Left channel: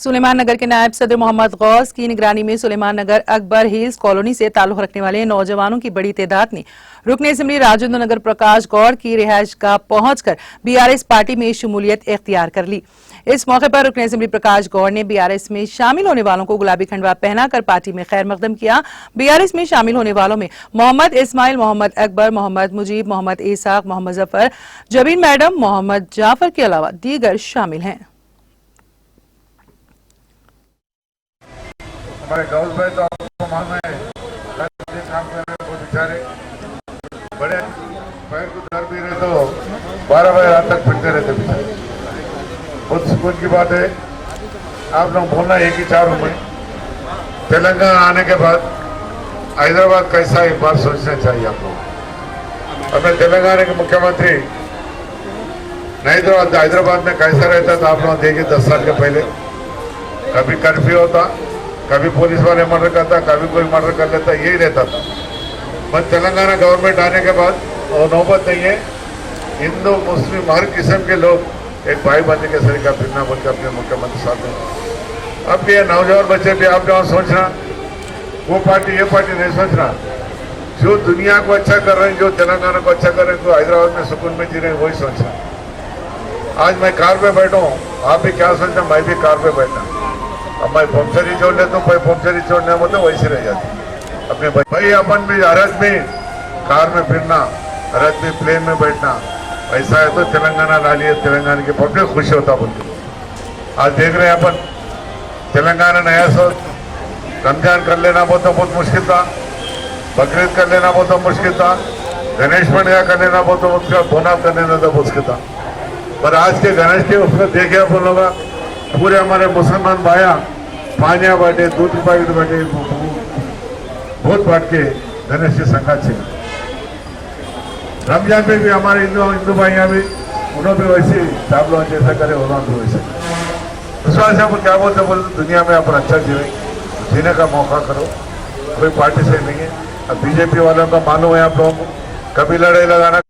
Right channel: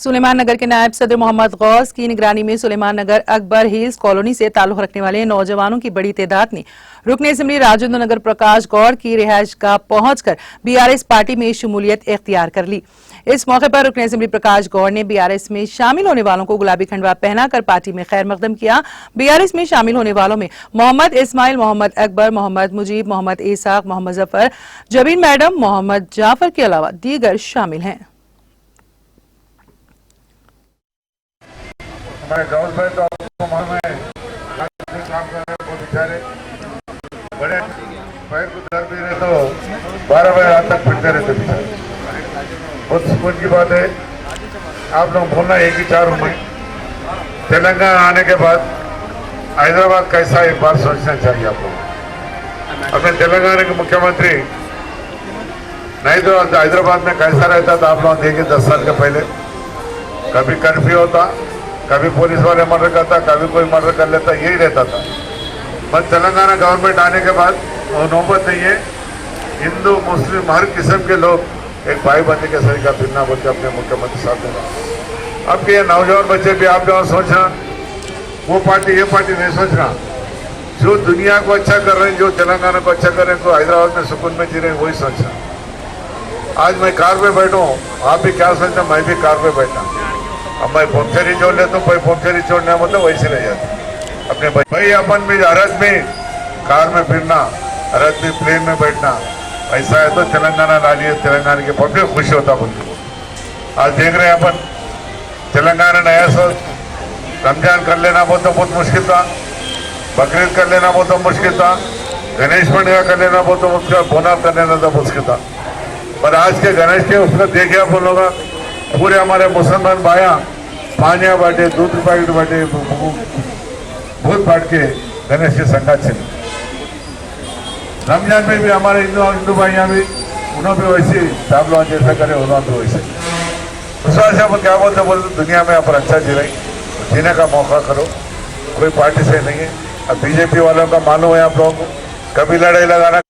सुलेमान नगर के नायब सदर मोहम्मद गौस की निगरानी में सुलेमान नगर अकबर हिल्स कॉलोनी से ताल्लुक रखने वाले नौजवानों की बड़ी तादाद ने रुकने असेंबली राजेंद्र नगर प्रकाश गौर की रिहाइश गाह पहुंचकर बीआरएस पार्टी में शमूलियत इख्तियार कर ली। इस मौके पर रुकने असेंबली प्रकाश गौर ने बीआरएस में शामिल होने वालों को गुलाबी खंडवा पहनाकर पार्टी में खैर मकदम किया। बीआरएस में शामिल होने वालों में मोहम्मद इस्माइल, मोहम्मद अकबर, मोहम्मद मुजीब, मोहम्मद इसाक, मोहम्मद जफर, जबीन मैडम, मोहम्मद जाफर के अलावा दीगर शामिल हैं। मैं गवर्नमेंट काम कर रहे बहुत बेचारे बड़े पैर को दर्द भी रहे तो 12 बजे रात तक फिरते रहते बेचारे। बहुत सुकून की बात है। आप लोग बोलना एक ही 4 उम्र तेलंगाना आने के बाद हैदराबाद कैसा एक बार सोचना चाहिए आप लोग। और मैं तेलंगाना के मुख्यमंत्री नहीं तो हैदराबाद में कैसा रहता था आप लोग देखिए। 10 साल के पहले कभी कर्फ्यू होता, कभी पुलिस वाले मर्डर करता, कभी कोई मर्डर कर लेता, यही रहता था। बस तेलंगाना गवर्नमेंट आने के बाद और नौबत नहीं है। हिंदू मुस्लिम हर किस्म के लोग एक भाई बंदी के सर का फिरना बोलते अपने मुख्यमंत्री साथ में। अब ये नौजवान बच्चे भी आप यहाँ सोचना वो पार्टी ये पार्टी नहीं सोचना। जो दुनिया को अच्छा कर रहे हैं, जो तेलंगाना को अच्छा कर रहे हैं, तो हैदराबाद में सुकून में जी रहे हैं, वही सोचना। आज मैं कार पे बैठा हूँ, आप भी क्या सोचना, मैं भी कार पे बैठा। अब मैं पंक्चरी छोड़ लेता हूँ, पंक्चरी छोड़ने मतलब वैसे रह जाता अपने भाई। अपन भी भारत में कार में फिरना, भारत में प्लेन में बैठना, ऐसा है तो तेलंगाना ला लिया, तेलंगाना के पब्लिक खुश होता बोलते। आज देख रहे हैं अपन तेलंगाना नया सोच, रमजान कर लेना बहुत मुश्किल था, बकरीद कर लेना बहुत मुश्किल था, गणेश पंडिया कर लेना बहुत मुश्किल, बोना कर लेना तो मुश्किल था। पर आज के गणेश के उसमें देखे आप लोग पूरे हमारे मुसलमान भाइया पानिया बांटे, दूध पैकेट बांटे, भूत बांट के गणेश की संगात चली। रमजान में भी हमारे हिंदू भाइया भी उन्होंने वैसे आप लोग जैसा करे उन्होंने वैसे विश्वास है। आप क्या बोलते दुनिया में अपन अच्छा जीने का मौका करो, कोई पार्टी से नहीं है। अब बीजेपी वालों का मालूम है आप लोगों को, कभी लड़ाई लगाना